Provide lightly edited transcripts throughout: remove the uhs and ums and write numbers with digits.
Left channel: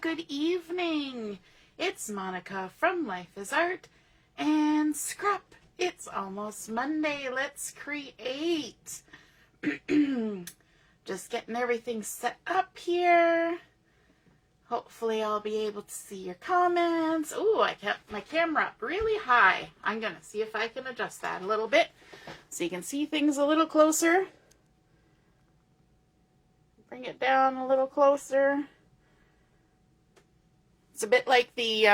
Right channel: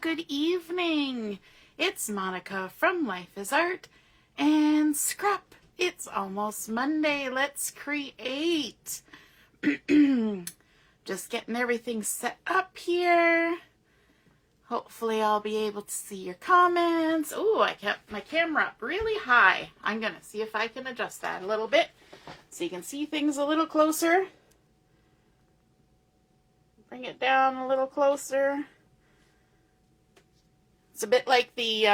good evening. It's Monica from Life is Art and Scrap. It's almost Monday. Let's create. Just getting everything set up here. Hopefully I'll be able to see your comments. Oh, I kept my camera up really high. I'm going to see if I can adjust that a little bit so you can see things a little closer. Bring it down a little closer. It's a bit like the,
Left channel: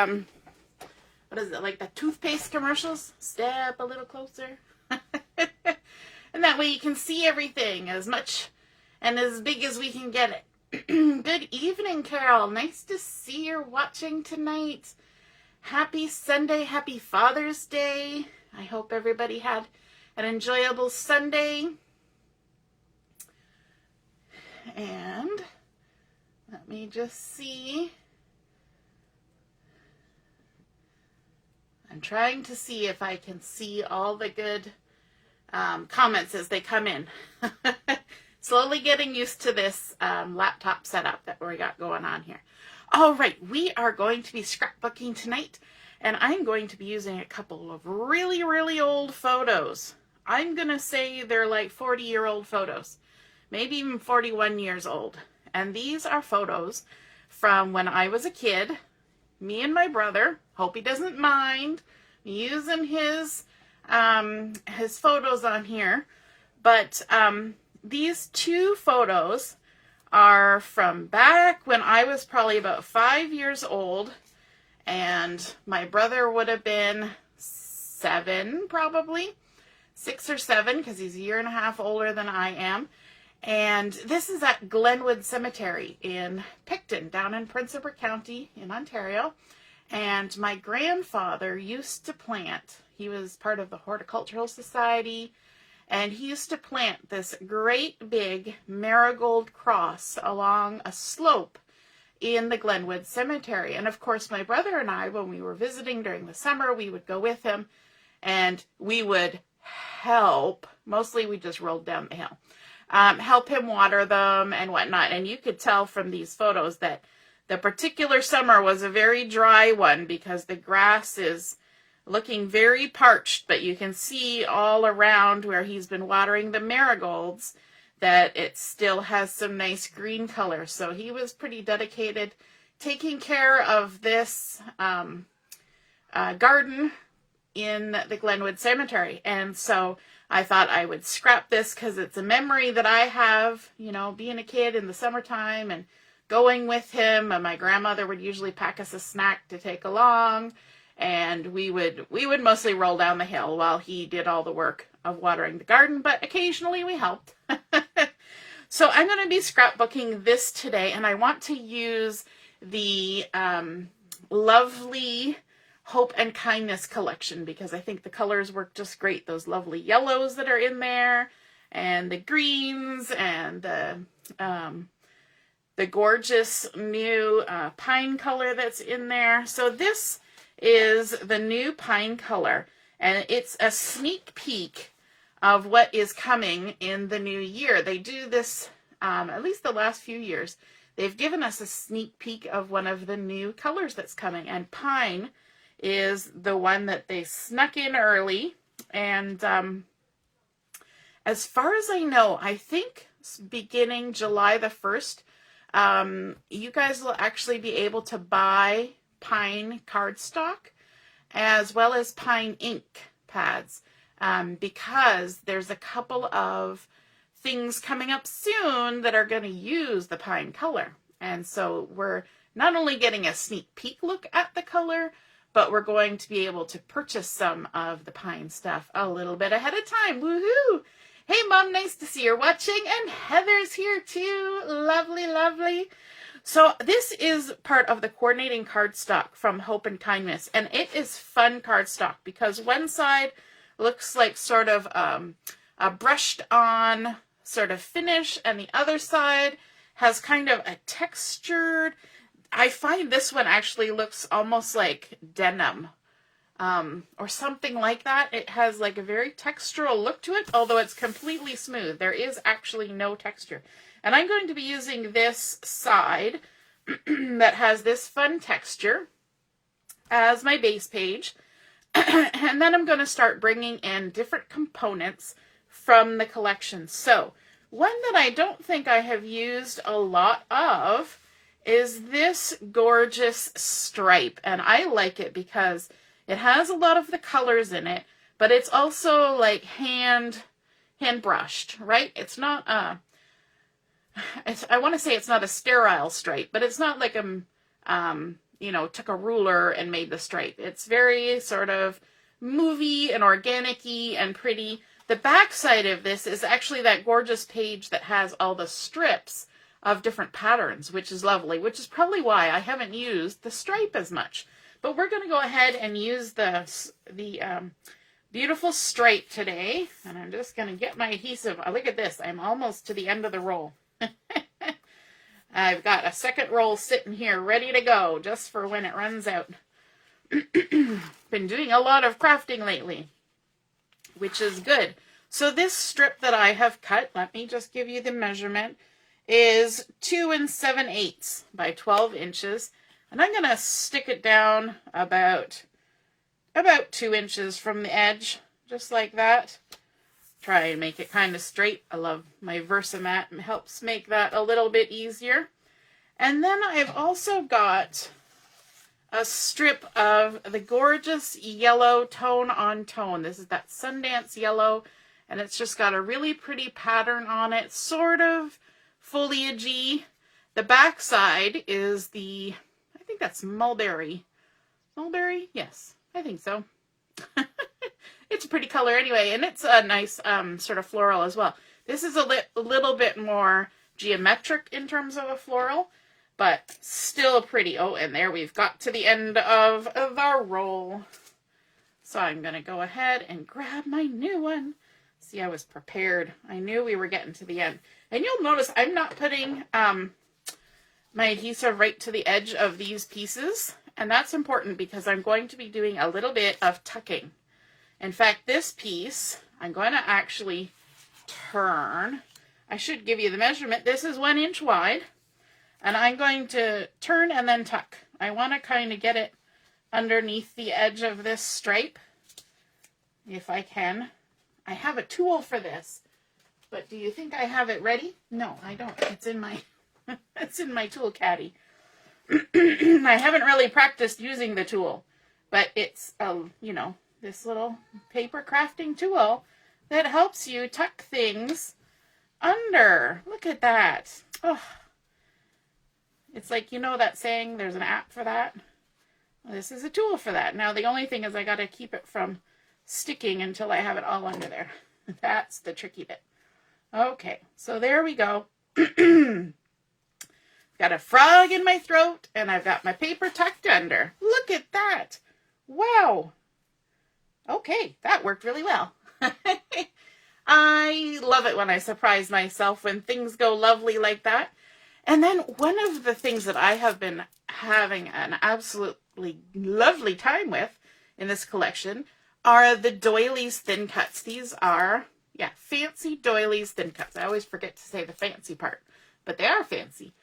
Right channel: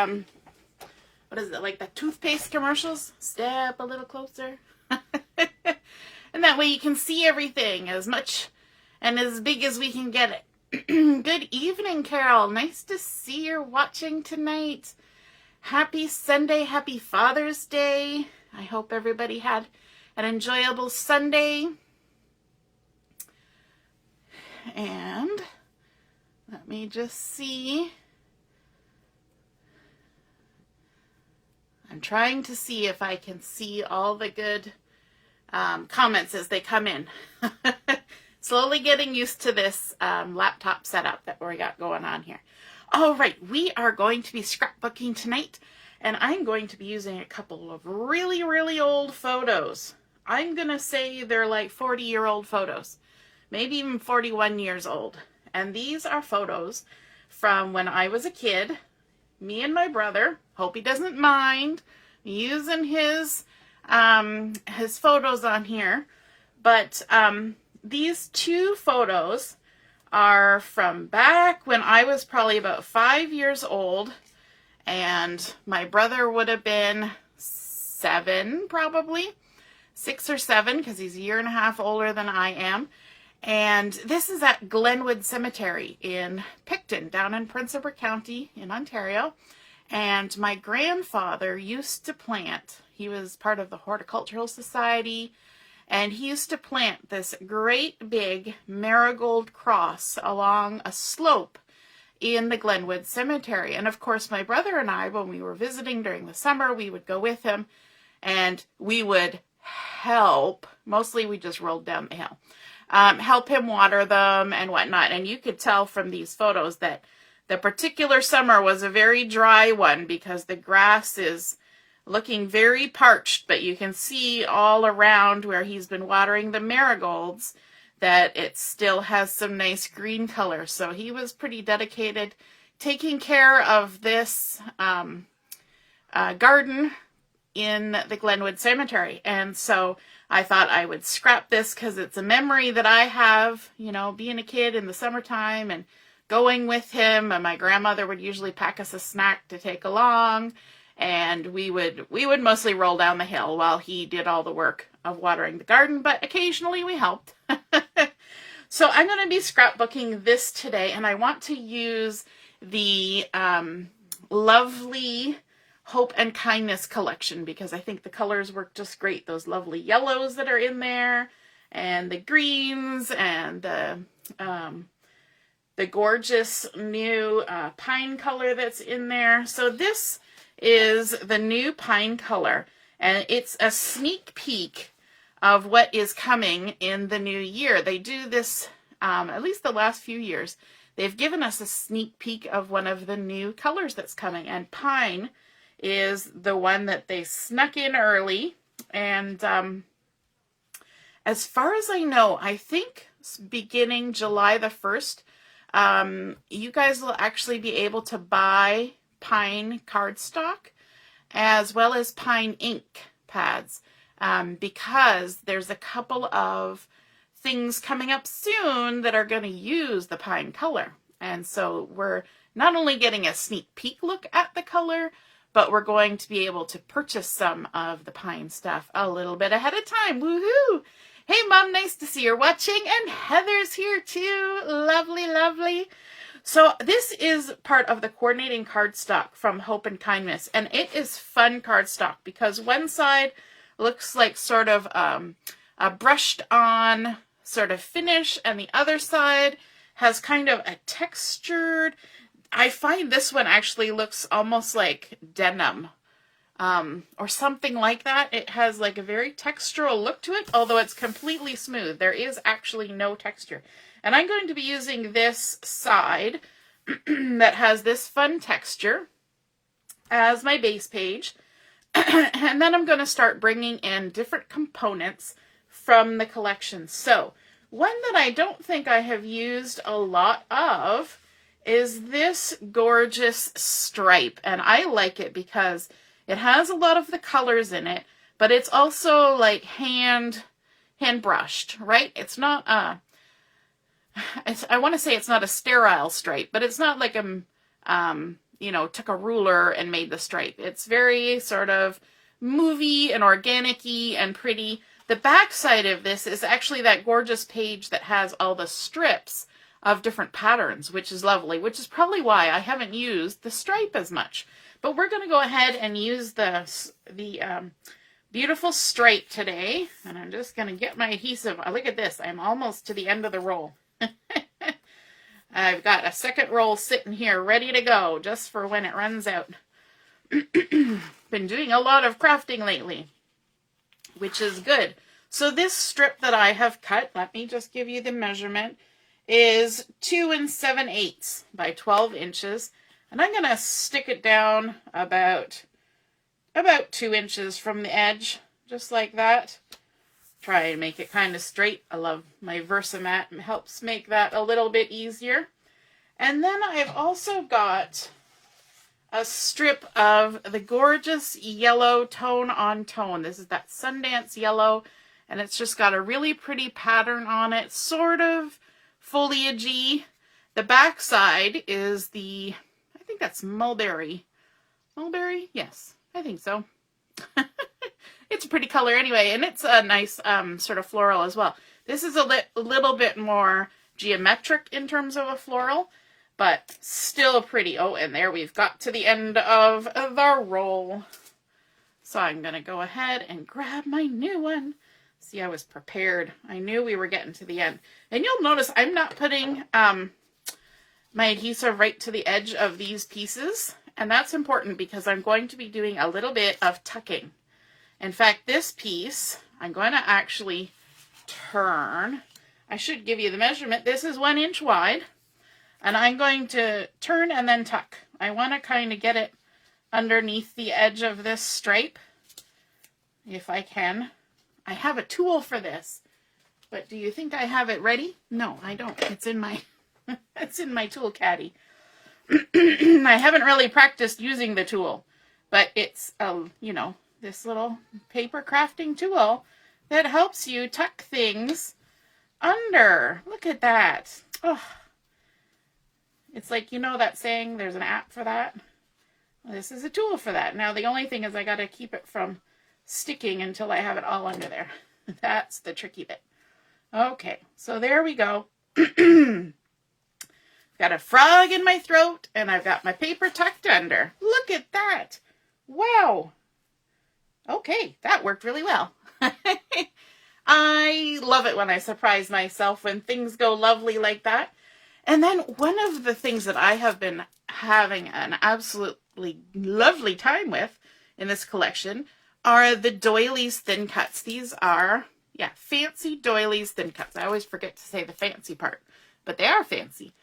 what is it, like the toothpaste commercials? Step a little closer. And that way you can see everything as much and as big as we can get it. Good evening, Carol. Nice to see you're watching tonight. Happy Sunday. Happy Father's Day. I hope everybody had an enjoyable Sunday. And let me just see. I'm trying to see if I can see all the good comments as they come in. Slowly getting used to this laptop setup that we got going on here. All right, we are going to be scrapbooking tonight, and I'm going to be using a couple of really, really old photos. I'm going to say they're like 40-year-old photos, maybe even 41 years old. And these are photos from when I was a kid, me and my brother. Hope he doesn't mind using his photos on here. But these two photos are from back when I was probably about 5 years old, and my brother would have been 7, probably 6 or 7, because he's a year and a half older than I am. And this is at Glenwood Cemetery in Picton, down in Prince Edward County in Ontario. And my grandfather used to plant, he was part of the Horticultural Society, and he used to plant this great big marigold cross along a slope in the Glenwood Cemetery. And of course, my brother and I, when we were visiting during the summer, we would go with him and we would help. Mostly we just rolled down the hill. Help him water them and whatnot. And you could tell from these photos that the particular summer was a very dry one because the grass is looking very parched, but you can see all around where he's been watering the marigolds that it still has some nice green color. So he was pretty dedicated taking care of this garden in the Glenwood Cemetery. And so I thought I would scrap this because it's a memory that I have, you know, being a kid in the summertime and going with him. And my grandmother would usually pack us a snack to take along. And we would mostly roll down the hill while he did all the work of watering the garden, but occasionally we helped. So I'm going to be scrapbooking this today, and I want to use the lovely Hope and Kindness collection because I think the colors work just great. Those lovely yellows that are in there, and the greens, and the gorgeous new pine color that's in there. So this is the new pine color, and it's a sneak peek of what is coming in the new year. They do this at least the last few years. They've given us a sneak peek of one of the new colors that's coming, and pine is the one that they snuck in early. And as far as I know, I think beginning July the 1st, you guys will actually be able to buy pine cardstock as well as pine ink pads because there's a couple of things coming up soon that are going to use the pine color. And so we're not only getting a sneak peek look at the color, but we're going to be able to purchase some of the pine stuff a little bit ahead of time. Woohoo! Hey, Mom, nice to see you're watching. And Heather's here too. Lovely, lovely. So this is part of the coordinating cardstock from Hope and Kindness, and it is fun cardstock because one side looks like sort of a brushed on sort of finish, and the other side has kind of a textured, I find this one actually looks almost like denim or something like that. It has like a very textural look to it, although it's completely smooth. There is actually no texture. And I'm going to be using this side that has this fun texture as my base page. And then I'm going to start bringing in different components from the collection. So one that I don't think I have used a lot of is this gorgeous stripe. And I like it because it has a lot of the colors in it, but it's also like hand brushed, right? It's not I want to say it's not a sterile stripe, but it's not like you know, took a ruler and made the stripe. It's very sort of movie and organic-y and pretty. The back side of this is actually that gorgeous page that has all the strips of different patterns, which is lovely, which is probably why I haven't used the stripe as much. But we're going to go ahead and use the beautiful stripe today. And I'm just going to get my adhesive. Oh, look at this. I'm almost to the end of the roll. I've got a second roll sitting here ready to go just for when it runs out. Been doing a lot of crafting lately, which is good. So this strip that I have cut, let me just give you the measurement, is 2 7/8 by 12 inches. And I'm going to stick it down about 2 inches from the edge, just like that. Try and make it kind of straight. I love my Versamat. It helps make that a little bit easier. And then I've also got a strip of the gorgeous yellow tone on tone. This is that Sundance yellow, and it's just got a really pretty pattern on it, sort of foliagey. The back side is I think that's mulberry. Mulberry? Yes, I think so. It's a pretty color anyway, and it's a nice sort of floral as well. This is a little bit more geometric in terms of a floral, but still pretty. Oh, and there we've got to the end of the roll. So I'm going to go ahead and grab my new one. See, I was prepared. I knew we were getting to the end. And you'll notice I'm not putting my adhesive right to the edge of these pieces. And that's important because I'm going to be doing a little bit of tucking. In fact, this piece, I'm going to actually turn. I should give you the measurement. This is 1 inch wide. And I'm going to turn and then tuck. I want to kind of get it underneath the edge of this stripe, if I can. I have a tool for this, but do you think I have it ready? No, I don't. It's in my, it's in my tool caddy. I haven't really practiced using the tool, but it's, you know, this little paper crafting tool that helps you tuck things under. Look at that. Oh, it's like, you know that saying, there's an app for that? Well, this is a tool for that. Now, the only thing is I got to keep it from sticking until I have it all under there. That's the tricky bit. Okay, so there we go. Got a frog in my throat, and I've got my paper tucked under. Look at that. Wow. Okay, that worked really well. I love it when I surprise myself when things go lovely like that. And then one of the things that I have been having an absolutely lovely time with in this collection are the doilies thin cuts. These are, yeah, fancy doilies thin cuts. I always forget to say the fancy part, but they are fancy.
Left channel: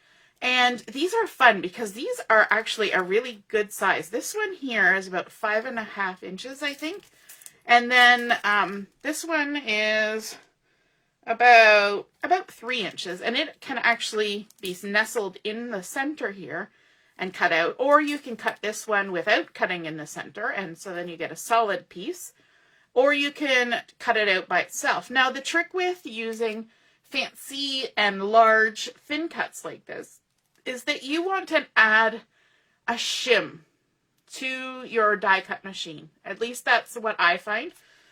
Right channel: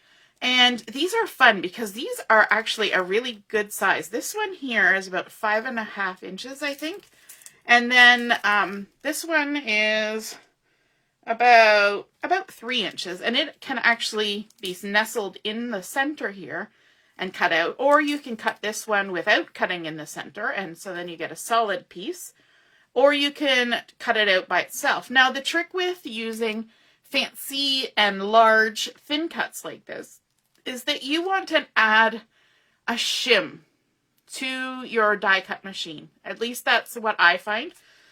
And these are fun because these are actually a really good size. This one here is about 5.5 inches, I think. And then this one is about 3 inches. And it can actually be nestled in the center here and cut out. Or you can cut this one without cutting in the center. And so then you get a solid piece. Or you can cut it out by itself. Now, the trick with using fancy and large thin cuts like this is that you want to add a shim to your die cut machine. At least that's what I find.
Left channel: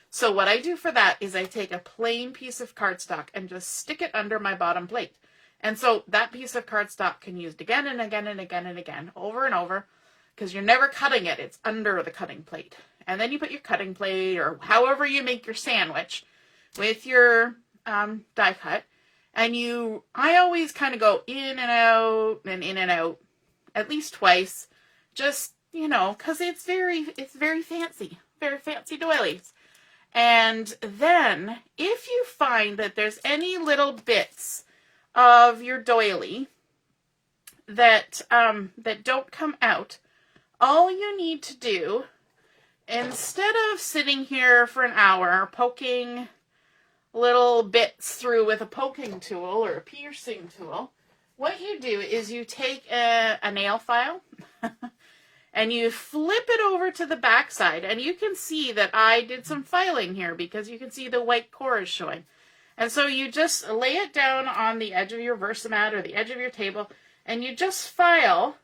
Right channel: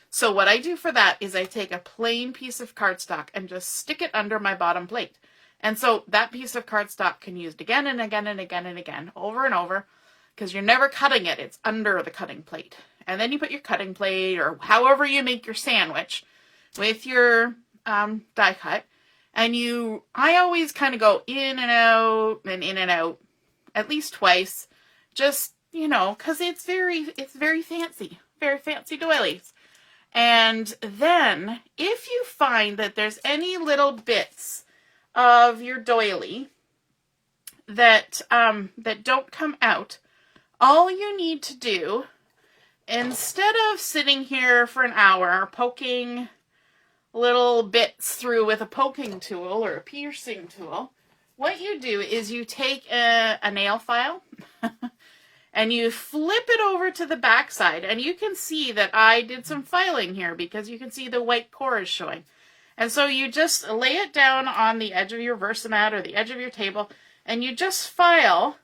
So what I do for that is I take a plain piece of cardstock and just stick it under my bottom plate. And so that piece of cardstock can be used again and again and again and again, over and over, because you're never cutting it. It's under the cutting plate. And then you put your cutting plate or however you make your sandwich with your die cut. And I always kind of go in and out and in and out at least twice, just, you know, because it's very fancy doilies. And then if you find that there's any little bits of your doily that don't come out, all you need to do, instead of sitting here for an hour poking little bits through with a poking tool or a piercing tool, what you do is you take a nail file and you flip it over to the back side, and you can see that I did some filing here because you can see the white core is showing. And so you just lay it down on the edge of your Versamat or the edge of your table, and you just file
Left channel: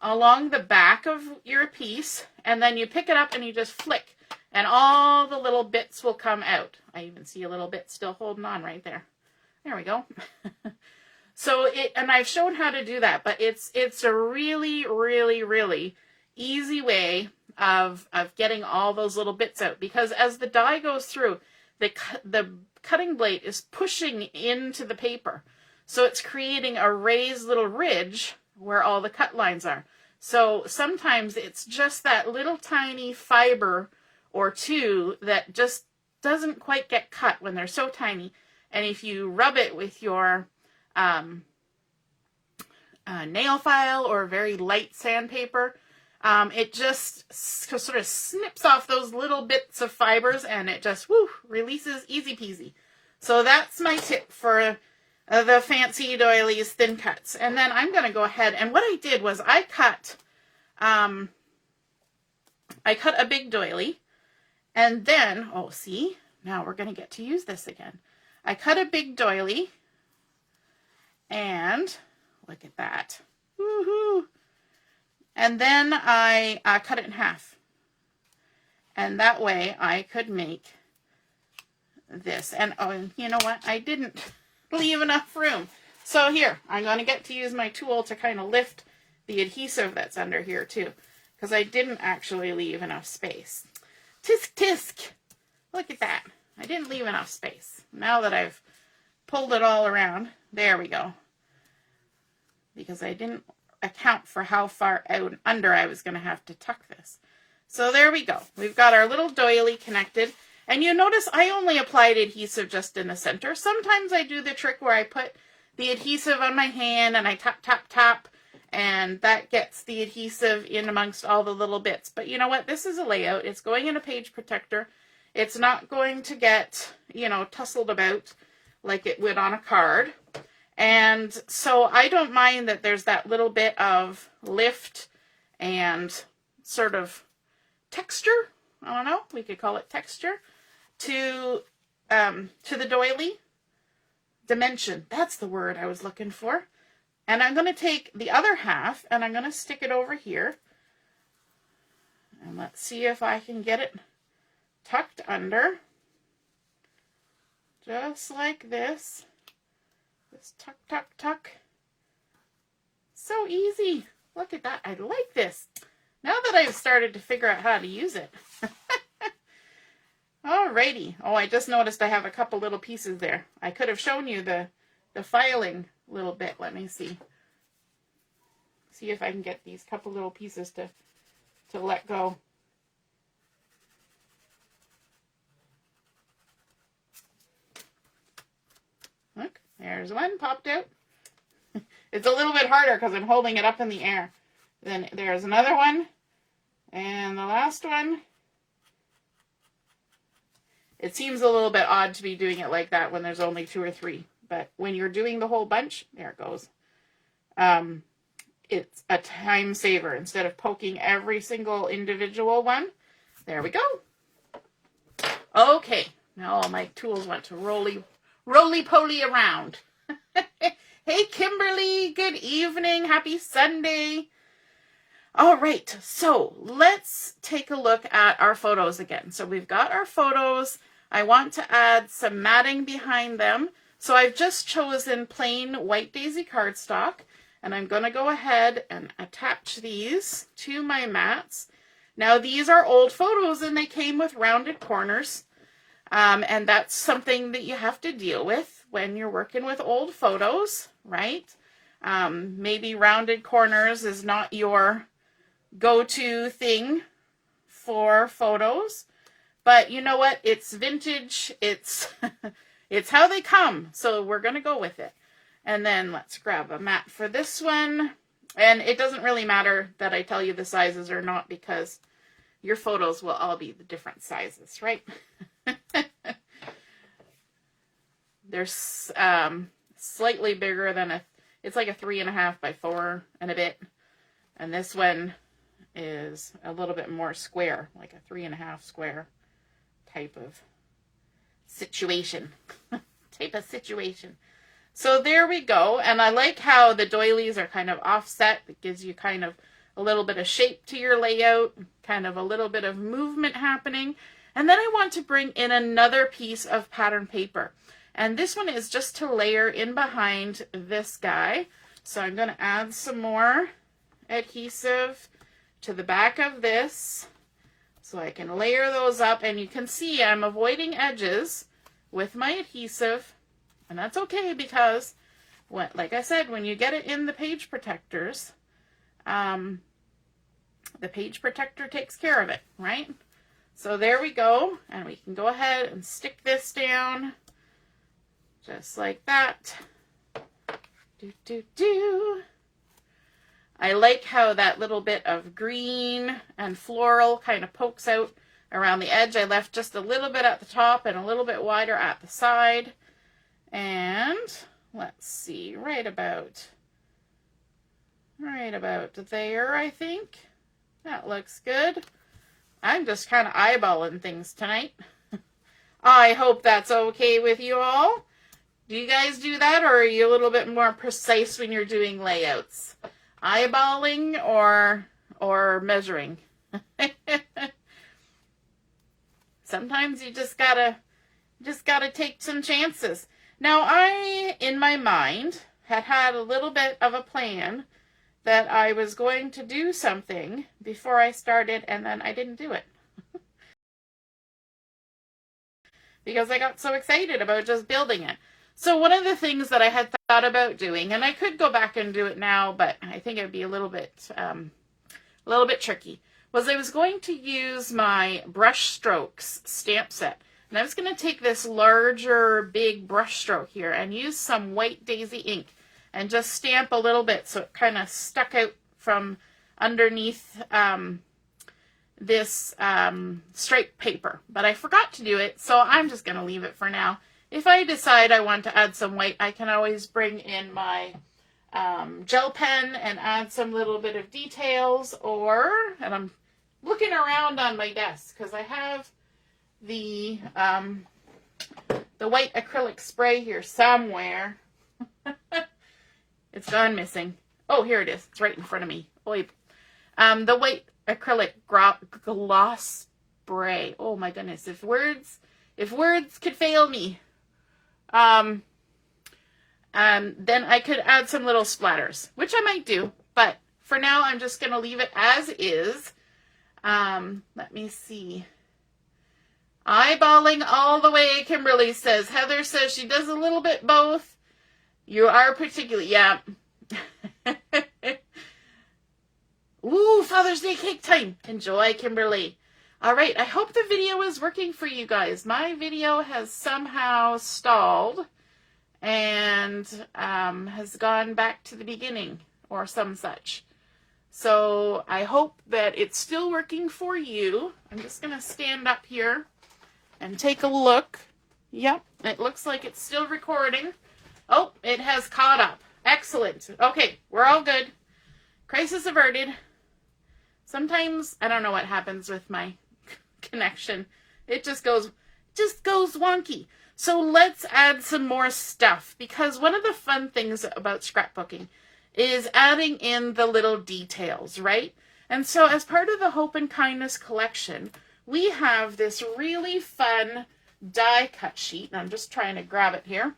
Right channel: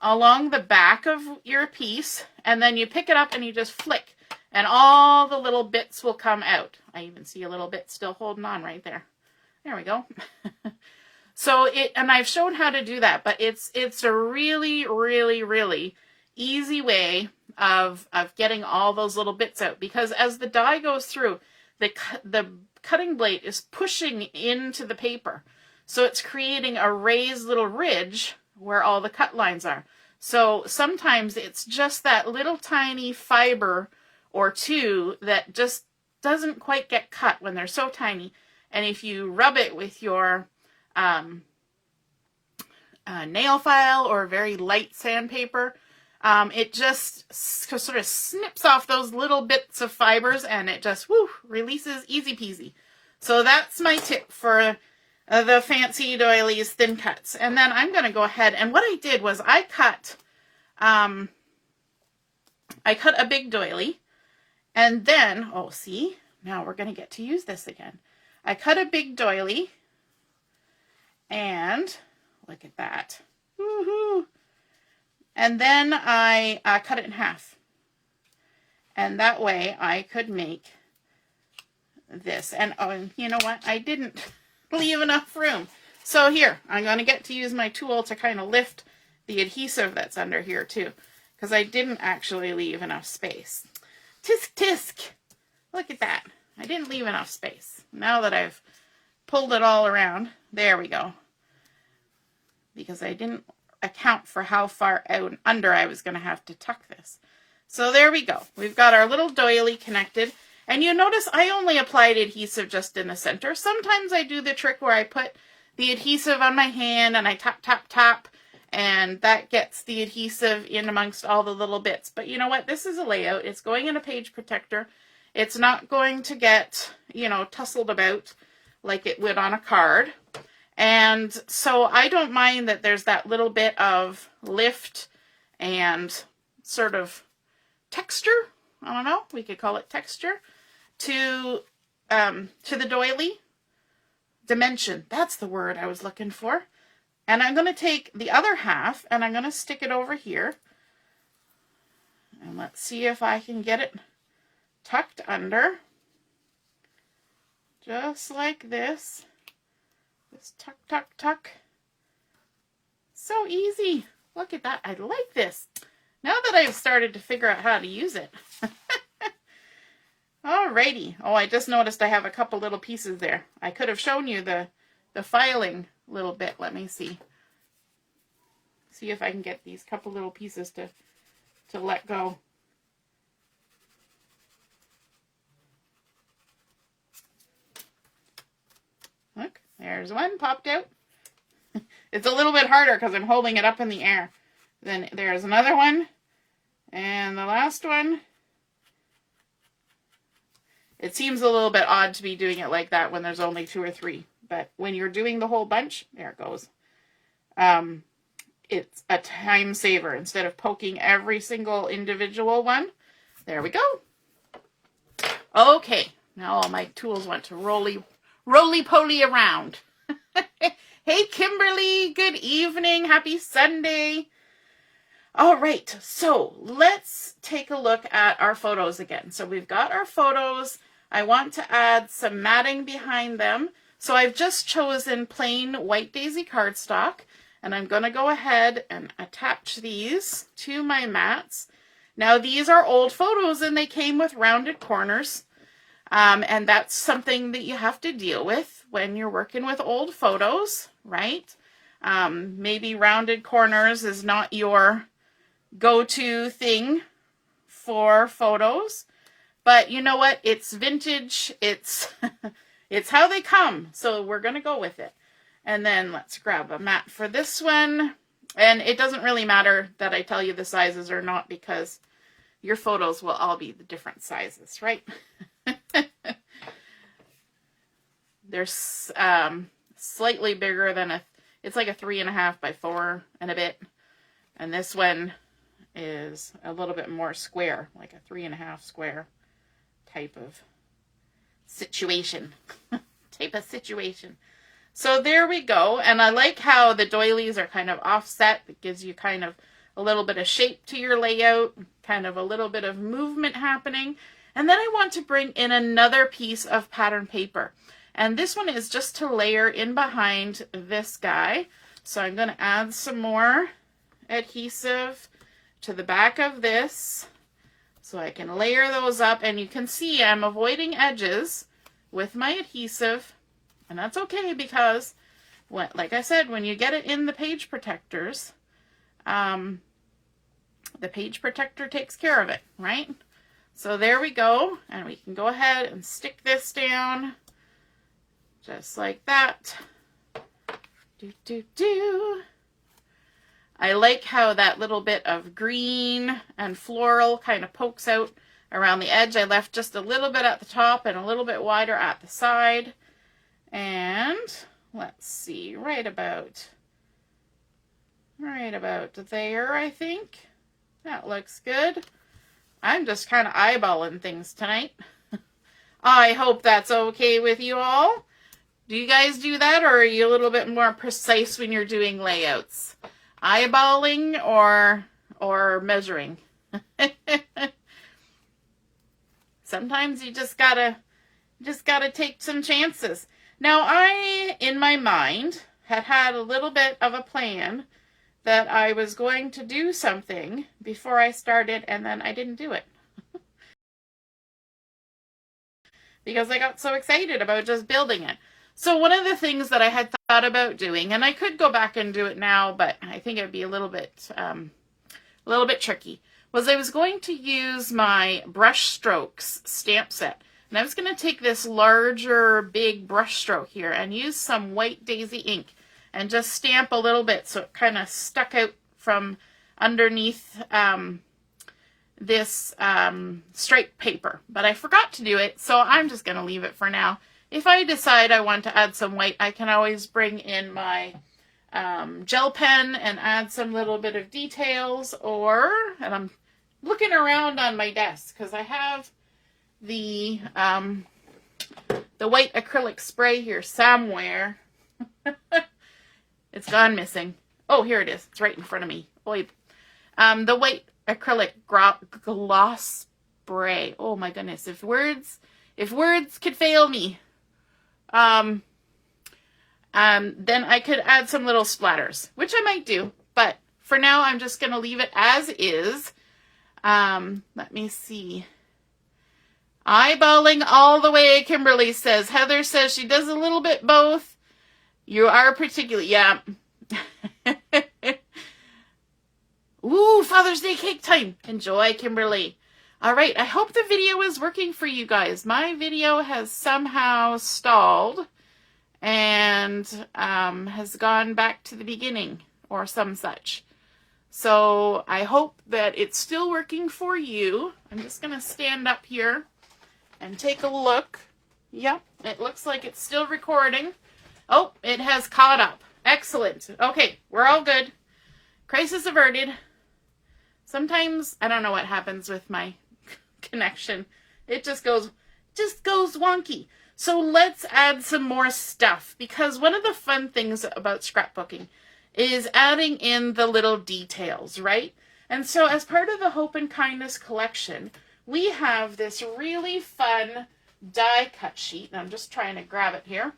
along the back of your piece, and then you pick it up and you just flick, and all the little bits will come out. I even see a little bit still holding on right there. There we go. So and I've shown how to do that, but it's a really, really, really easy way of getting all those little bits out, because as the die goes through, the cutting blade is pushing into the paper. So it's creating a raised little ridge where all the cut lines are. So sometimes it's just that little tiny fiber or two that just doesn't quite get cut when they're so tiny. And if you rub it with your nail file or very light sandpaper, it just sort of snips off those little bits of fibers, and it just releases easy peasy. So that's my tip for the fancy doilies thin cuts. And then I'm going to go ahead, and what I did was I cut a big doily, and then, see, now we're going to get to use this again. I cut a big doily, and look at that. Woohoo! And then I cut it in half. And that way I could make this. And you know what? I didn't leave enough room. So here, I'm going to get to use my tool to kind of lift the adhesive that's under here too, because I didn't actually leave enough space. Tisk tisk! Look at that. I didn't leave enough space. Now that I've pulled it all around, there we go. Because I didn't account for how far out under I was going to have to tuck this. So there we go. We've got our little doily connected. And you notice I only applied adhesive just in the center. Sometimes I do the trick where I put the adhesive on my hand and I tap, tap, tap, and that gets the adhesive in amongst all the little bits. But you know what? This is a layout. It's going in a page protector. It's not going to get, tussled about like it would on a card. And so I don't mind that there's that little bit of lift and sort of texture. I don't know, we could call it texture to the doily. Dimension, that's the word I was looking for. And I'm going to take the other half and I'm going to stick it over here. And let's see if I can get it tucked under. Just like this. Just tuck, tuck, tuck. So easy. Look at that. I like this. Now that I've started to figure out how to use it. Alrighty. Oh, I just noticed I have a couple little pieces there. I could have shown you the filing little bit. Let me see. See if I can get these couple little pieces to let go. Look, there's one popped out. It's a little bit harder because I'm holding it up in the air. Then there's another one. And the last one. It seems a little bit odd to be doing it like that when there's only 2 or 3. But when you're doing the whole bunch, there it goes. It's a time saver. Instead of poking every single individual one. There we go. Okay. Now all my tools want to roly-poly around. Hey, Kimberly. Good evening. Happy Sunday. All right. So let's take a look at our photos again. So we've got our photos. I want to add some matting behind them. So I've just chosen plain white daisy cardstock. And I'm going to go ahead and attach these to my mats. Now these are old photos and they came with rounded corners. And that's something that you have to deal with when you're working with old photos, right? Maybe rounded corners is not your go-to thing for photos. But you know what? It's vintage. It's it's how they come. So we're going to go with it. And then let's grab a mat for this one. And it doesn't really matter that I tell you the sizes or not, because your photos will all be the different sizes, right? They're slightly bigger than it's like a 3.5 by 4 and a bit. And this one is a little bit more square, like a 3.5 square type of situation. So there we go. And I like how the doilies are kind of offset. It gives you kind of a little bit of shape to your layout, kind of a little bit of movement happening. And then I want to bring in another piece of pattern paper. And this one is just to layer in behind this guy. So I'm going to add some more adhesive to the back of this so I can layer those up. And you can see I'm avoiding edges with my adhesive. And that's okay, because, like I said, when you get it in the page protectors, the page protector takes care of it, right? So there we go. And we can go ahead and stick this down just like that. I like how that little bit of green and floral kind of pokes out around the edge. I left just a little bit at the top and a little bit wider at the side. And let's see, right about there, I think. That looks good. I'm just kind of eyeballing things tonight. I hope that's okay with you all. Do you guys do that, or are you a little bit more precise when you're doing layouts? Eyeballing or measuring? Sometimes you just gotta take some chances. Now, I, in my mind, had a little bit of a plan that I was going to do something before I started, and then I didn't do it. Because I got so excited about just building it. So one of the things that I had thought about doing, and I could go back and do it now, but I think it'd be a little bit tricky, was I was going to use my brush strokes stamp set. And I was going to take this larger, big brush stroke here and use some white daisy ink and just stamp a little bit so it kind of stuck out from underneath this striped paper. But I forgot to do it, so I'm just going to leave it for now. If I decide I want to add some white, I can always bring in my gel pen and add some little bit of details, and I'm looking around on my desk because I have the white acrylic spray here somewhere. It's gone missing. Oh, here it is. It's right in front of me. Boy. The white acrylic gloss spray. Oh my goodness. If words could fail me. Then I could add some little splatters, which I might do, but for now I'm just going to leave it as is. Let me see. Eyeballing all the way, Kimberly says. Heather says she does a little bit both. You are particularly, yeah. Ooh, Father's Day cake time. Enjoy, Kimberly. All right, I hope the video is working for you guys. My video has somehow stalled and has gone back to the beginning or some such. So I hope that it's still working for you. I'm just going to stand up here and take a look. Yep, it looks like it's still recording. Oh, it has caught up. Excellent. Okay, we're all good. Crisis averted. Sometimes, I don't know what happens with my connection. It just goes wonky. So let's add some more stuff, because one of the fun things about scrapbooking is adding in the little details, right? And so as part of the Hope and Kindness collection, we have this really fun die cut sheet. And I'm just trying to grab it here.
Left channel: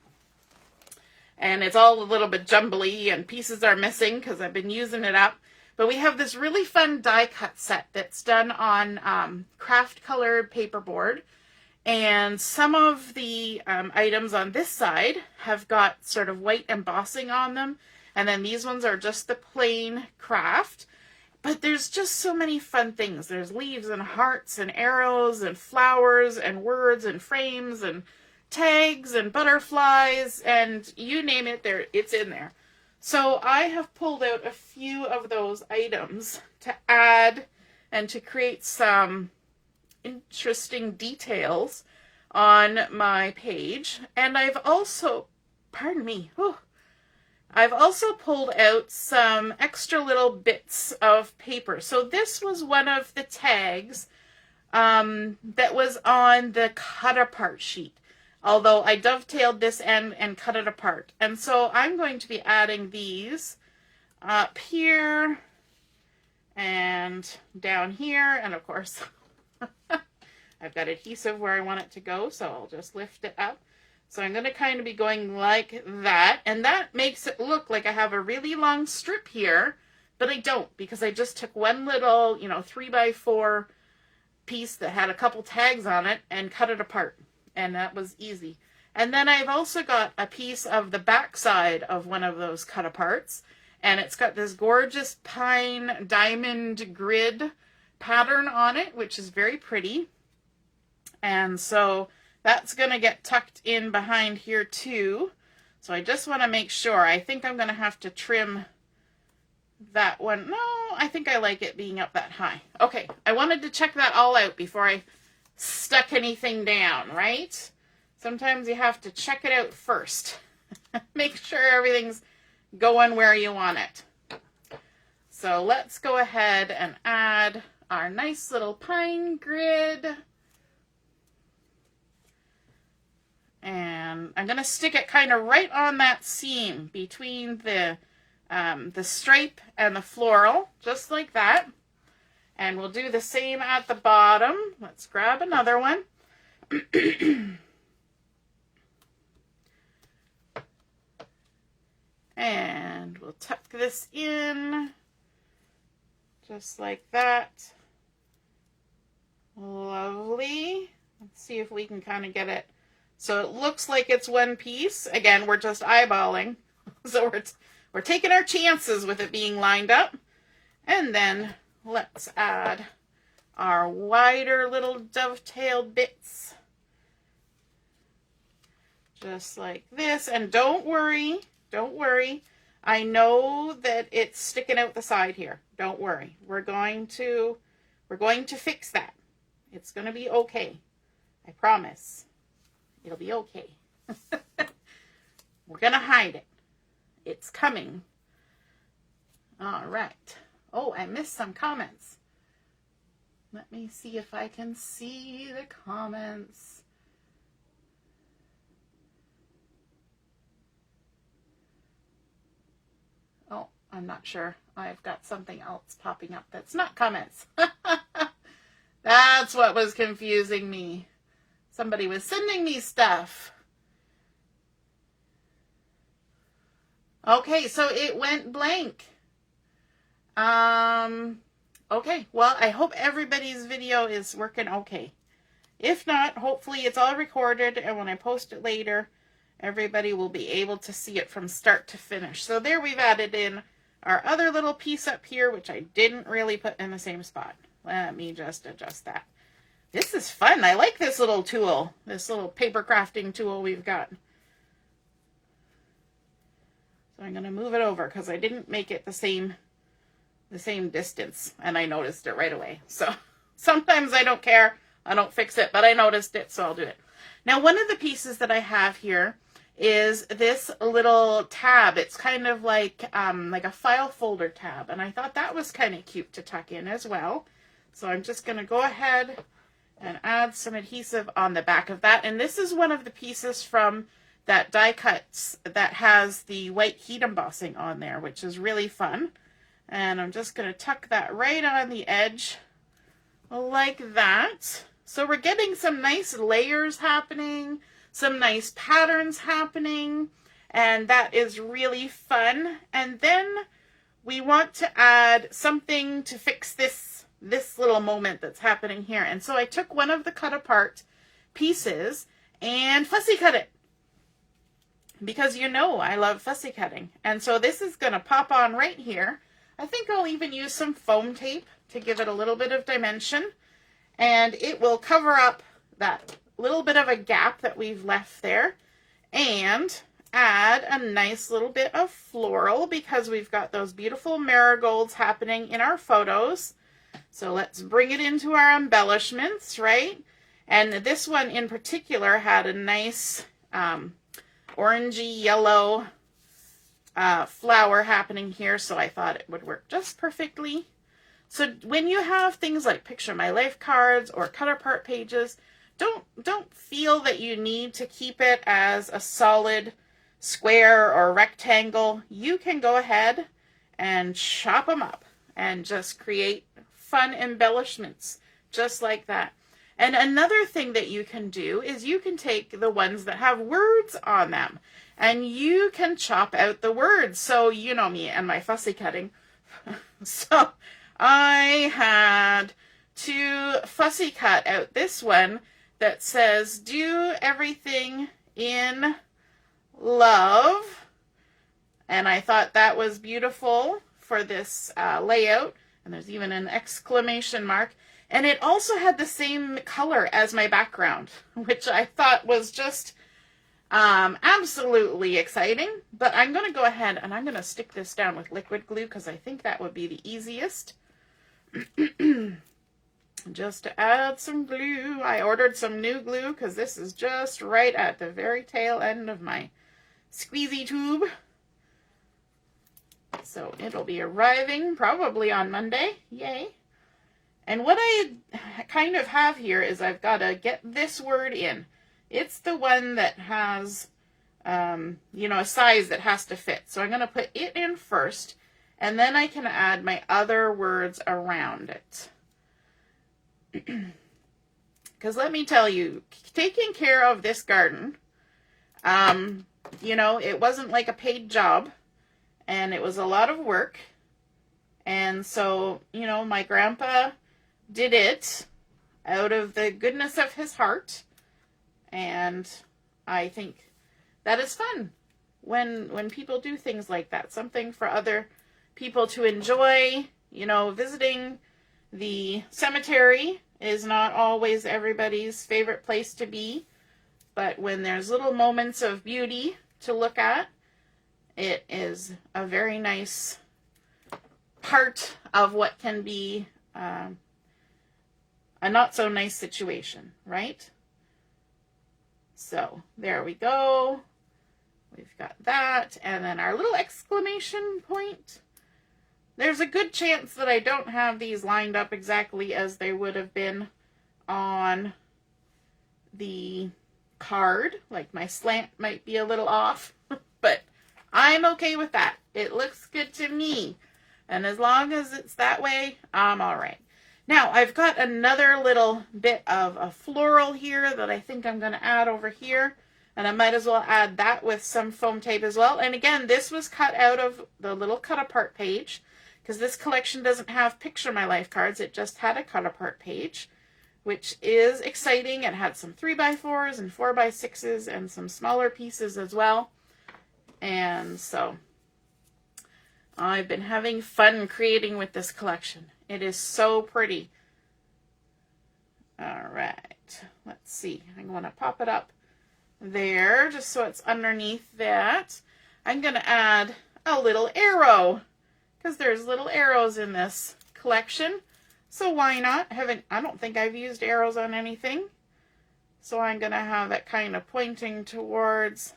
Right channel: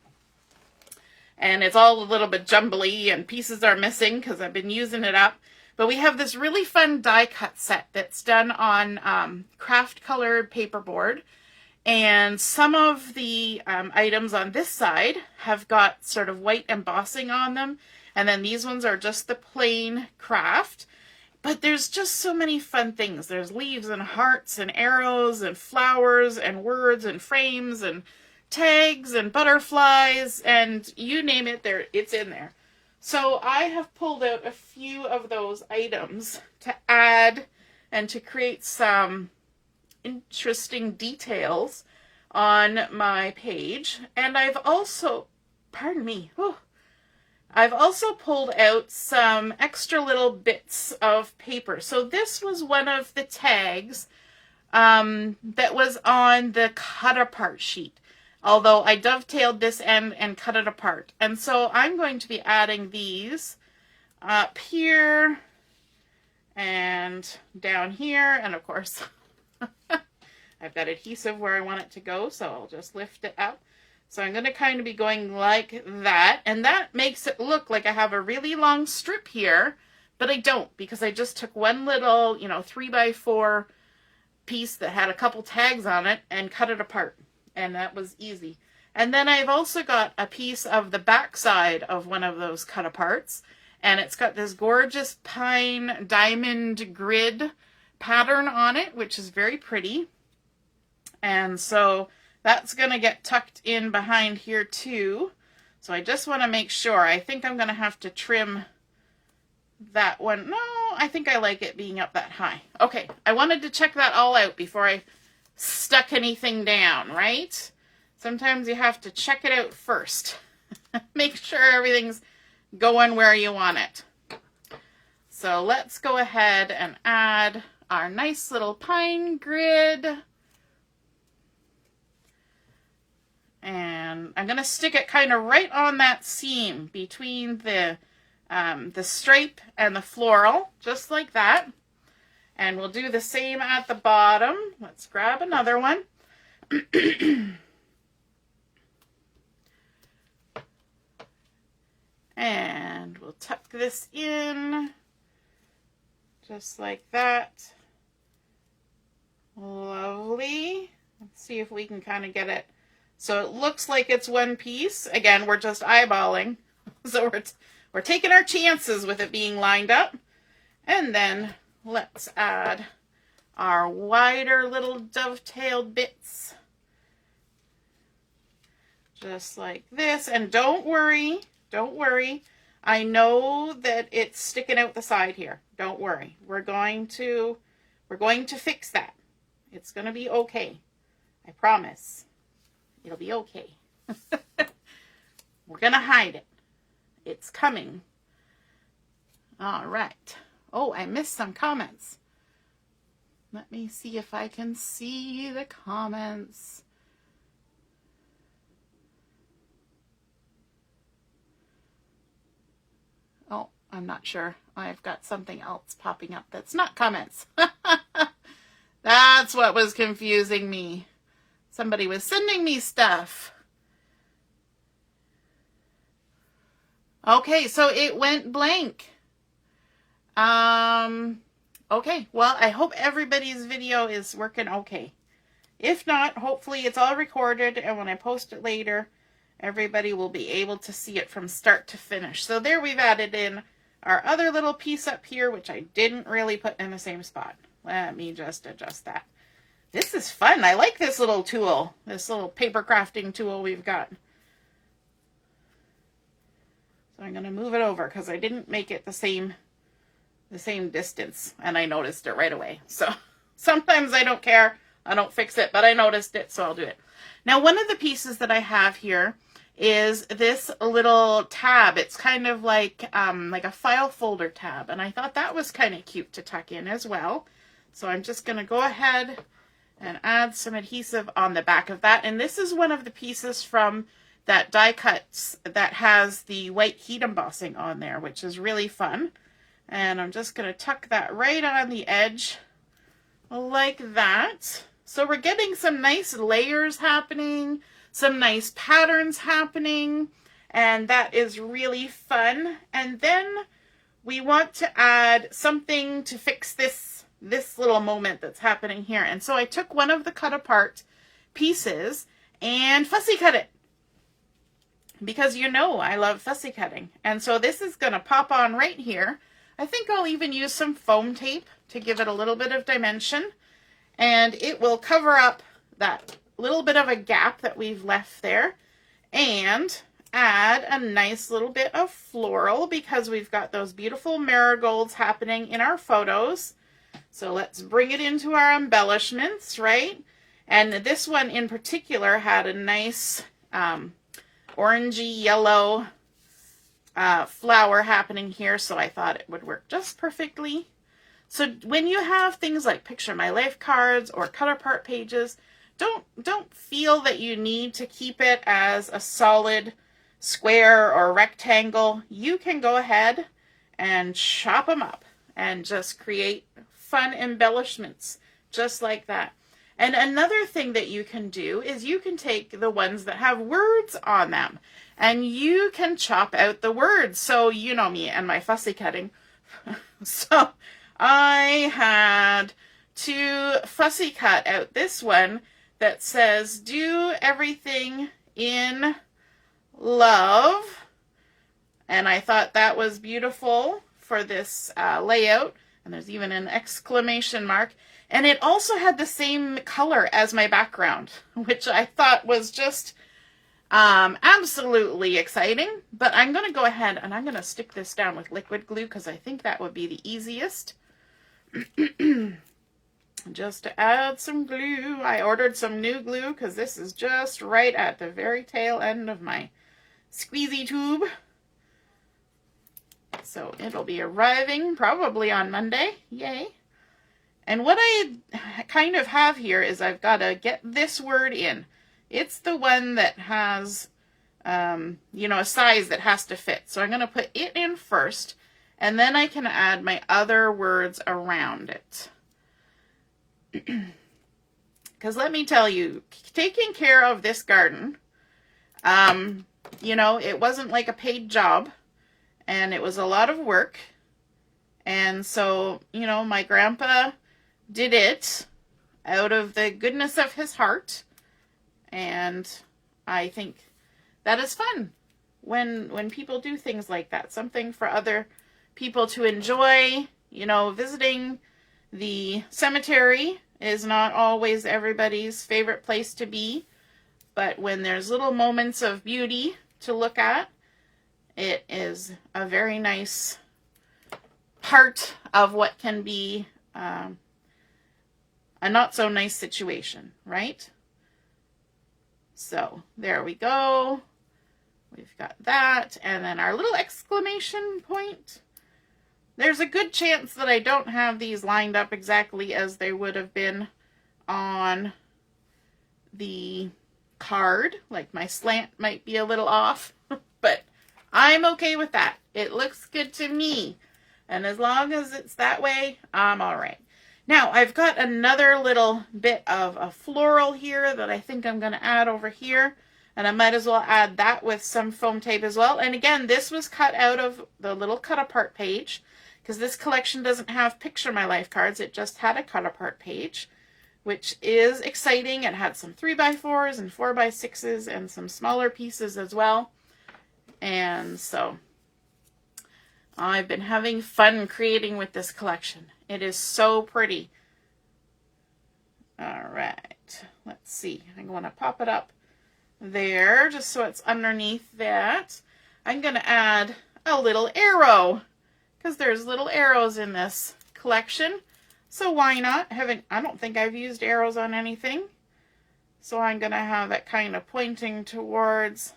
And it's all a little bit jumbly and pieces are missing because I've been using it up. But we have this really fun die cut set that's done on craft colored paperboard. And some of the items on this side have got sort of white embossing on them. And then these ones are just the plain craft. But there's just so many fun things. There's leaves and hearts and arrows and flowers and words and frames and tags and butterflies and you name it, it's in there. So I have pulled out a few of those items to add and to create some interesting details on my page. And I've also, pardon me, I've also pulled out some extra little bits of paper. So this was one of the tags that was on the cut apart sheet, although I dovetailed this end and cut it apart. And so I'm going to be adding these up here and down here. And of course, I've got adhesive where I want it to go, so I'll just lift it up. So I'm going to kind of be going like that, and that makes it look like I have a really long strip here, but I don't, because I just took one little, 3x4 piece that had a couple tags on it and cut it apart, and that was easy. And then I've also got a piece of the back side of one of those cut aparts, and it's got this gorgeous pine diamond grid pattern on it, which is very pretty. And so that's going to get tucked in behind here too. So I just want to make sure. I think I'm going to have to trim that one. No, I think I like it being up that high. Okay, I wanted to check that all out before I stuck anything down, right? Sometimes you have to check it out first. Make sure everything's going where you want it. So let's go ahead and add our nice little pine grid. And I'm going to stick it kind of right on that seam between the stripe and the floral, just like that. And we'll do the same at the bottom. Let's grab another one. And we'll tuck this in, just like that. Lovely. Let's see if we can kind of get it so it looks like it's one piece. Again, we're just eyeballing. So we're taking our chances with it being lined up. And then let's add our wider little dovetailed bits. Just like this. And don't worry. I know that it's sticking out the side here. Don't worry. We're going to fix that. It's going to be okay. I promise. It'll be okay. We're going to hide it. It's coming. All right. Oh, I missed some comments. Let me see if I can see the comments. Oh, I'm not sure. I've got something else popping up that's not comments. That's what was confusing me. Somebody was sending me stuff. Okay, so it went blank. Okay, well, I hope everybody's video is working okay. If not, hopefully it's all recorded, and when I post it later, everybody will be able to see it from start to finish. So there we've added in our other little piece up here, which I didn't really put in the same spot. Let me just adjust that. This is fun. I like this little tool, this little paper crafting tool we've got. So I'm going to move it over because I didn't make it the same distance, and I noticed it right away. So sometimes I don't care. I don't fix it, but I noticed it, so I'll do it. Now, one of the pieces that I have here is this little tab. It's kind of like a file folder tab, and I thought that was kind of cute to tuck in as well. So I'm just going to go ahead and add some adhesive on the back of that. And this is one of the pieces from that die cuts that has the white heat embossing on there, which is really fun. And I'm just going to tuck that right on the edge like that. So we're getting some nice layers happening, some nice patterns happening, and that is really fun. And then we want to add something to fix this little moment that's happening here. And so I took one of the cut apart pieces and fussy cut it, because I love fussy cutting. And so this is going to pop on right here. I think I'll even use some foam tape to give it a little bit of dimension, and it will cover up that little bit of a gap that we've left there. And add a nice little bit of floral because we've got those beautiful marigolds happening in our photos. So let's bring it into our embellishments, right? And this one in particular had a nice orangey yellow flower happening here, so I thought it would work just perfectly. So when you have things like Picture My Life cards or cut apart pages, don't feel that you need to keep it as a solid square or rectangle. You can go ahead and chop them up and just create fun embellishments just like that. And another thing that you can do is you can take the ones that have words on them and you can chop out the words. So you know me and my fussy cutting. So I had to fussy cut out this one that says, "Do everything in love." And I thought that was beautiful for this layout. And there's even an exclamation mark. And it also had the same color as my background, which I thought was just absolutely exciting. But I'm going to go ahead and I'm going to stick this down with liquid glue because I think that would be the easiest. Just to add some glue. I ordered some new glue because this is just right at the very tail end of my squeezy tube. So it'll be arriving probably on Monday. Yay. And what I kind of have here is I've got to get this word in. It's the one that has, you know, a size that has to fit. So I'm going to put it in first, and then I can add my other words around it. Because let me tell you, taking care of this garden, you know, it wasn't like a paid job. And it was a lot of work. And so, you know, my grandpa did it out of the goodness of his heart. And I think that is fun when people do things like that. Something for other people to enjoy. You know, visiting the cemetery is not always everybody's favorite place to be. But when there's little moments of beauty to look at, it is a very nice part of what can be a not so nice situation, right? So there we go. We've got that. And then our little exclamation point. There's a good chance that I don't have these lined up exactly as they would have been on the card. Like my slant might be a little off, but I'm okay with that. It looks good to me. And as long as it's that way, I'm all right. Now, I've got another little bit of a floral here that I think I'm going to add over here. And I might as well add that with some foam tape as well. And again, this was cut out of the little cut apart page because this collection doesn't have Picture My Life cards. It just had a cut apart page, which is exciting. It had some 3x4s and 4x6s and some smaller pieces as well. And so I've been having fun creating with this collection. It is so pretty. All right, let's see. I'm going to pop it up there just so it's underneath that. I'm going to add a little arrow because there's little arrows in this collection. So why not? I don't think I've used arrows on anything. So I'm going to have it kind of pointing towards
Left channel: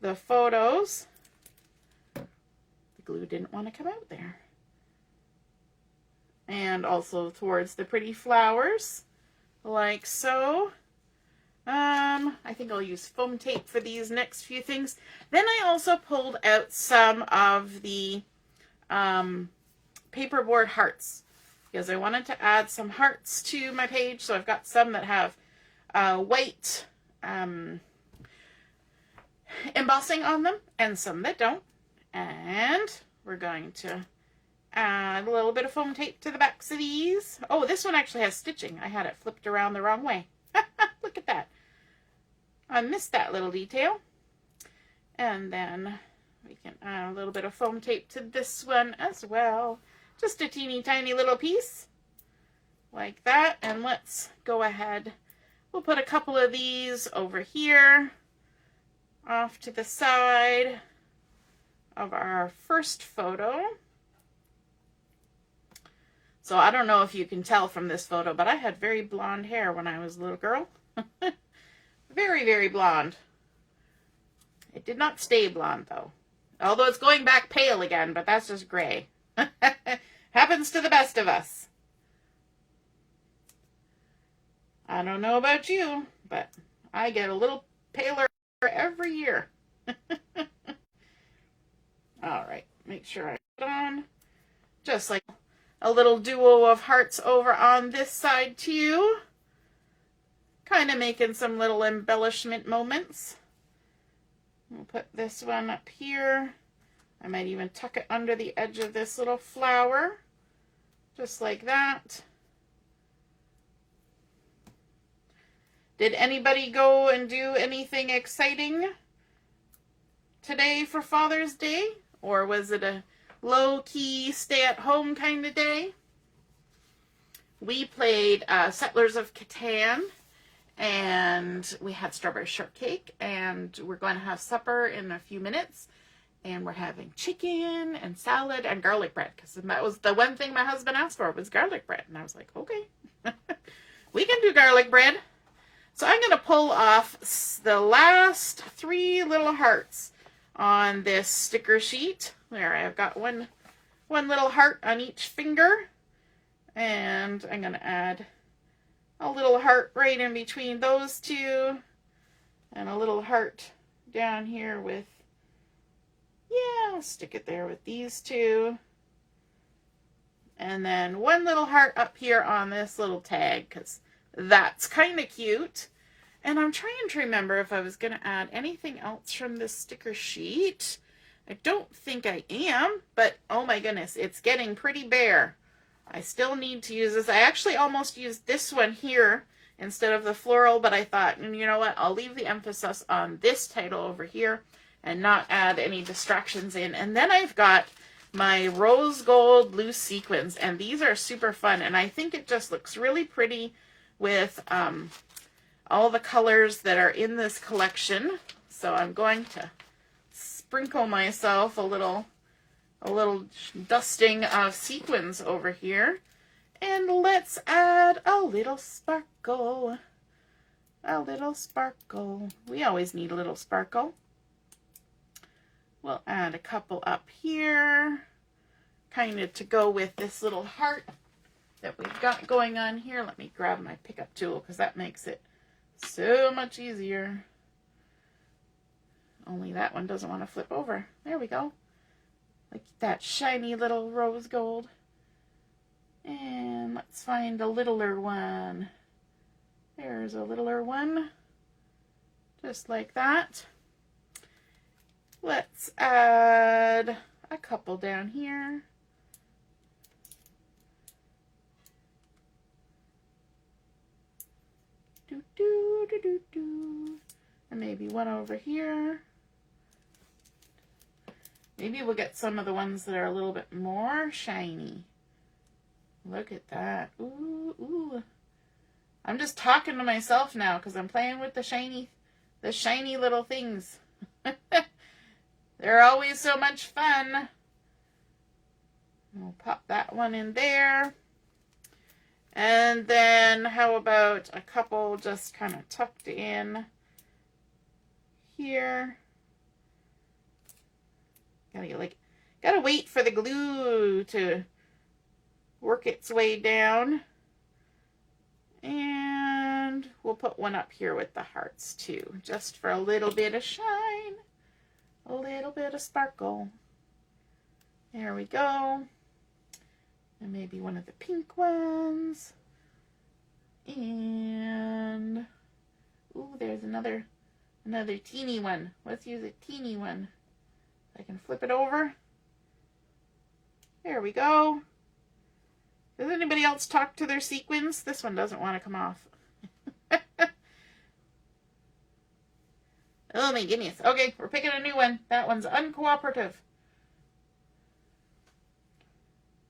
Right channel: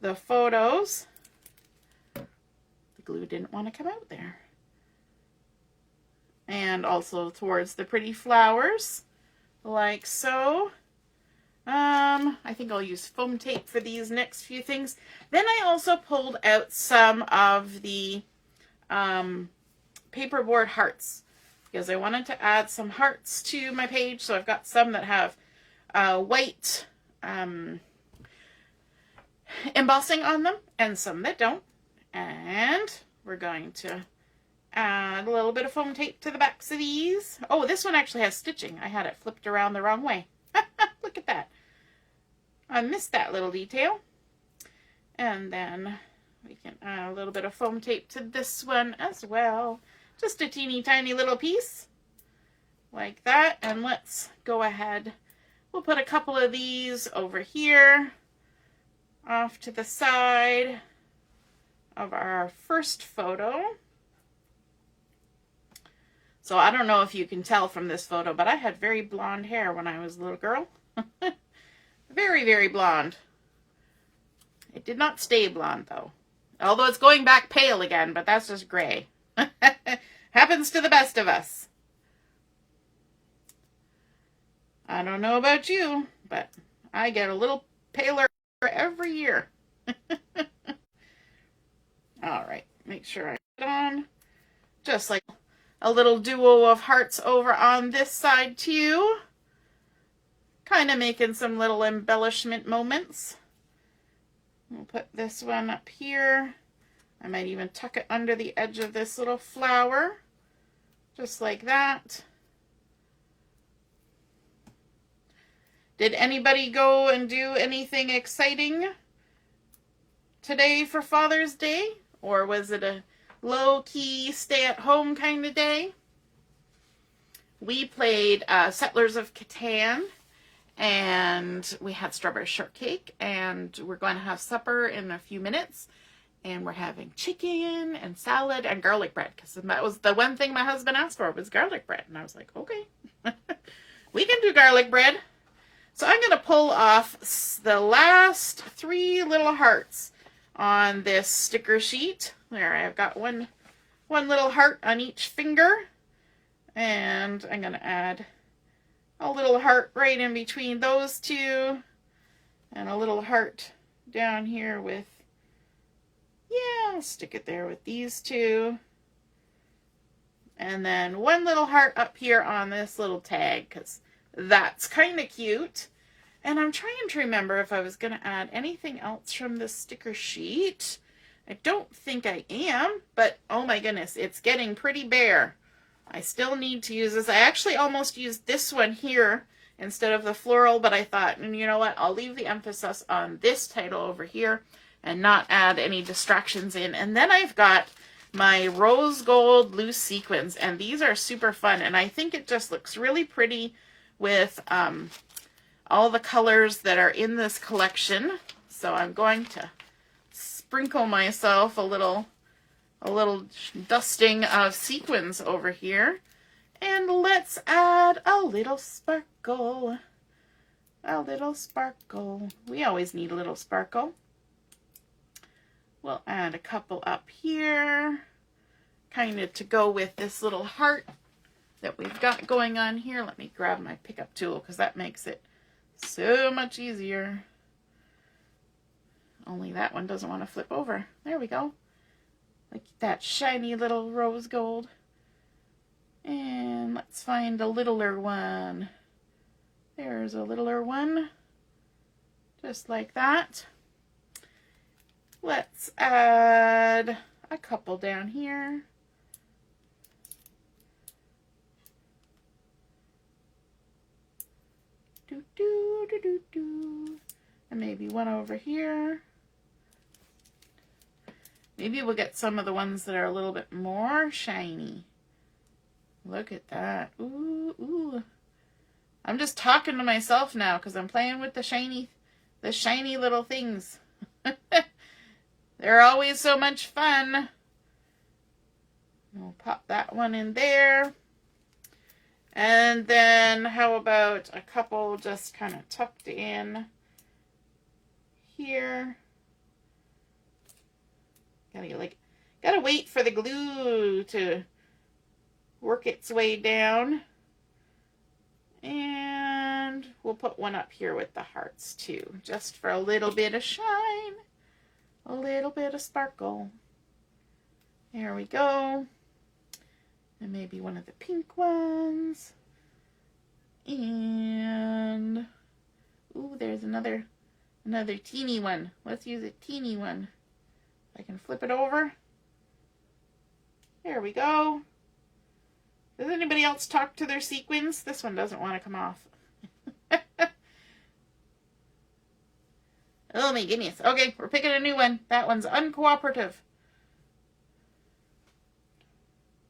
the photos. The glue didn't want to come out there. And also towards the pretty flowers, like so. I think I'll use foam tape for these next few things. Then I also pulled out some of the paperboard hearts because I wanted to add some hearts to my page. So I've got some that have white embossing on them and some that don't. And we're going to add a little bit of foam tape to the backs of these. Oh, this one actually has stitching. I had it flipped around the wrong way. Look at that. I missed that little detail. And then we can add a little bit of foam tape to this one as well. Just a teeny tiny little piece like that. And let's go ahead. We'll put a couple of these over here off to the side of our first photo. So I don't know if you can tell from this photo, but I had very blonde hair when I was a little girl. Very, very blonde. It did not stay blonde though. Although it's going back pale again, but that's just gray. Happens to the best of us. I don't know about you, but I get a little paler every year. All right, make sure I put it on. Just like a little duo of hearts over on this side too. Kind of making some little embellishment moments. We'll put this one up here. I might even tuck it under the edge of this little flower. Just like that. Did anybody go and do anything exciting today for Father's Day? Or was it a low-key, stay-at-home kind of day? We played Settlers of Catan, and we had strawberry shortcake, and we're going to have supper in a few minutes. And we're having chicken and salad and garlic bread, because that was the one thing my husband asked for, was garlic bread. And I was like, okay, we can do garlic bread. So I'm going to pull off the last 3 little hearts on this sticker sheet. There, I've got one little heart on each finger. And I'm going to add a little heart right in between those 2. And a little heart down here with, yeah, I'll stick it there with these 2. And then one little heart up here on this little tag, because that's kind of cute. And I'm trying to remember if I was going to add anything else from this sticker sheet. I don't think I am, but oh my goodness, it's getting pretty bare. I still need to use this. I actually almost used this one here instead of the floral, but I thought, you know what, I'll leave the emphasis on this title over here and not add any distractions in. And then I've got my rose gold loose sequins, and these are super fun, and I think it just looks really pretty with all the colors that are in this collection. So I'm going to sprinkle myself a little dusting of sequins over here, and let's add a little sparkle. A little sparkle. We always need a little sparkle. We'll add a couple up here, kind of to go with this little heart that we've got going on here. Let me grab my pickup tool, because that makes it so much easier. Only that one doesn't want to flip over. There we go. Like that shiny little rose gold. And let's find a littler one. There's a littler one. Just like that. Let's add a couple down here. Do, do, do, do, do. And maybe one over here. Maybe we'll get some of the ones that are a little bit more shiny. Look at that. Ooh, ooh. I'm just talking to myself now because I'm playing with the shiny little things. They're always so much fun. We'll pop that one in there. And then how about a couple just kind of tucked in here. Gotta wait for the glue to work its way down. And we'll put one up here with the hearts too, just for a little bit of shine, a little bit of sparkle. There we go. And maybe one of the pink ones. And ooh, there's another teeny one. Let's use a teeny one. I can flip it over. There we go. Does anybody else talk to their sequins? This one doesn't want to come off. Oh my goodness. Okay, we're picking a new one. That one's uncooperative.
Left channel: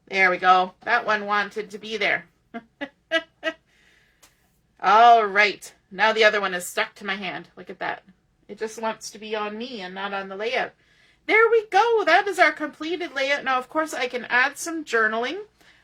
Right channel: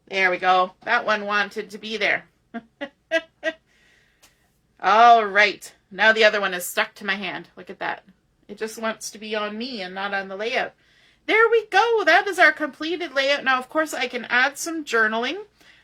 There we go. That one wanted to be there. All right. Now the other one is stuck to my hand. Look at that. It just wants to be on me and not on the layout. There we go. That is our completed layout. Now, of course, I can add some journaling.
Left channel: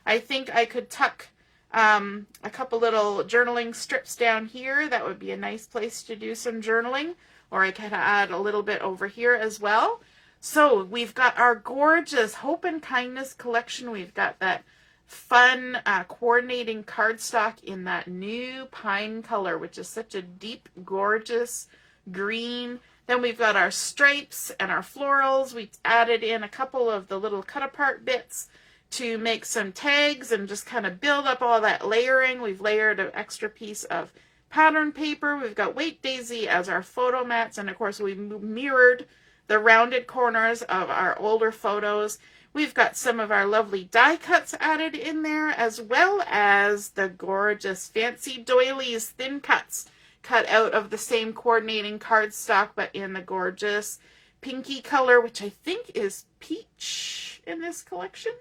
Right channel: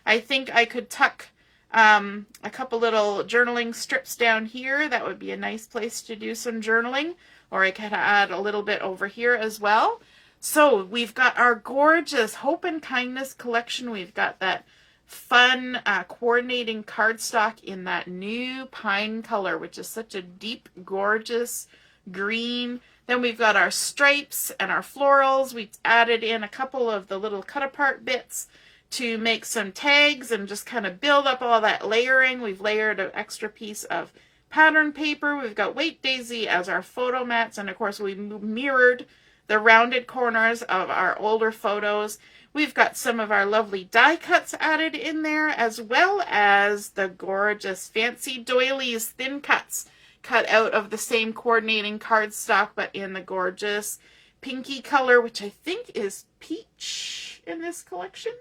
I think I could tuck a couple little journaling strips down here. That would be a nice place to do some journaling. Or I could add a little bit over here as well. So we've got our gorgeous Hope and Kindness collection. We've got that fun coordinating cardstock in that new pine color, which is such a deep, gorgeous green. Then we've got our stripes and our florals. We've added in a couple of the little cut apart bits to make some tags and just kind of build up all that layering. We've layered an extra piece of pattern paper. We've got Wait Daisy as our photo mats, and of course we mirrored the rounded corners of our older photos. We've got some of our lovely die cuts added in there, as well as the gorgeous fancy doilies thin cuts cut out of the same coordinating cardstock, but in the gorgeous pinky color, which I think is peach in this collection.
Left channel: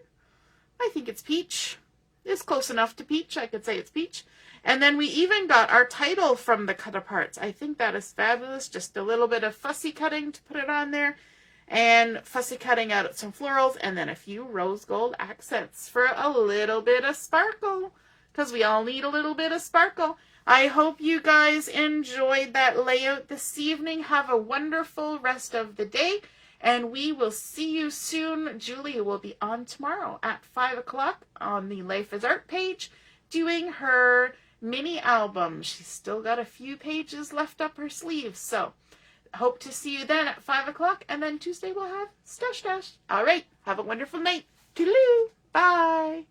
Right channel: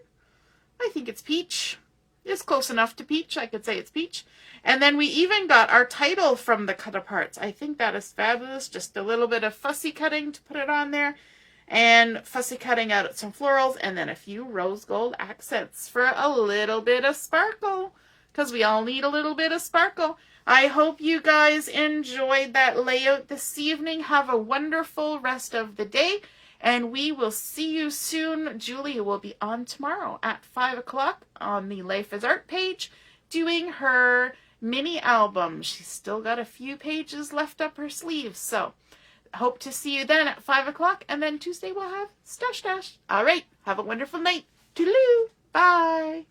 I think it's peach. It's close enough to peach. I could say it's peach. And then we even got our title from the cut aparts. I think that is fabulous. Just a little bit of fussy cutting to put it on there. And fussy cutting out some florals. And then a few rose gold accents for a little bit of sparkle. Because we all need a little bit of sparkle. I hope you guys enjoyed that layout this evening. Have a wonderful rest of the day. And we will see you soon. Julia will be on tomorrow at 5 o'clock on the Life is Art page doing her mini album. She's still got a few pages left up her sleeve. So hope to see you then at 5 o'clock. And then Tuesday we'll have Stash Dash. All right. Have a wonderful night. Toodaloo. Bye.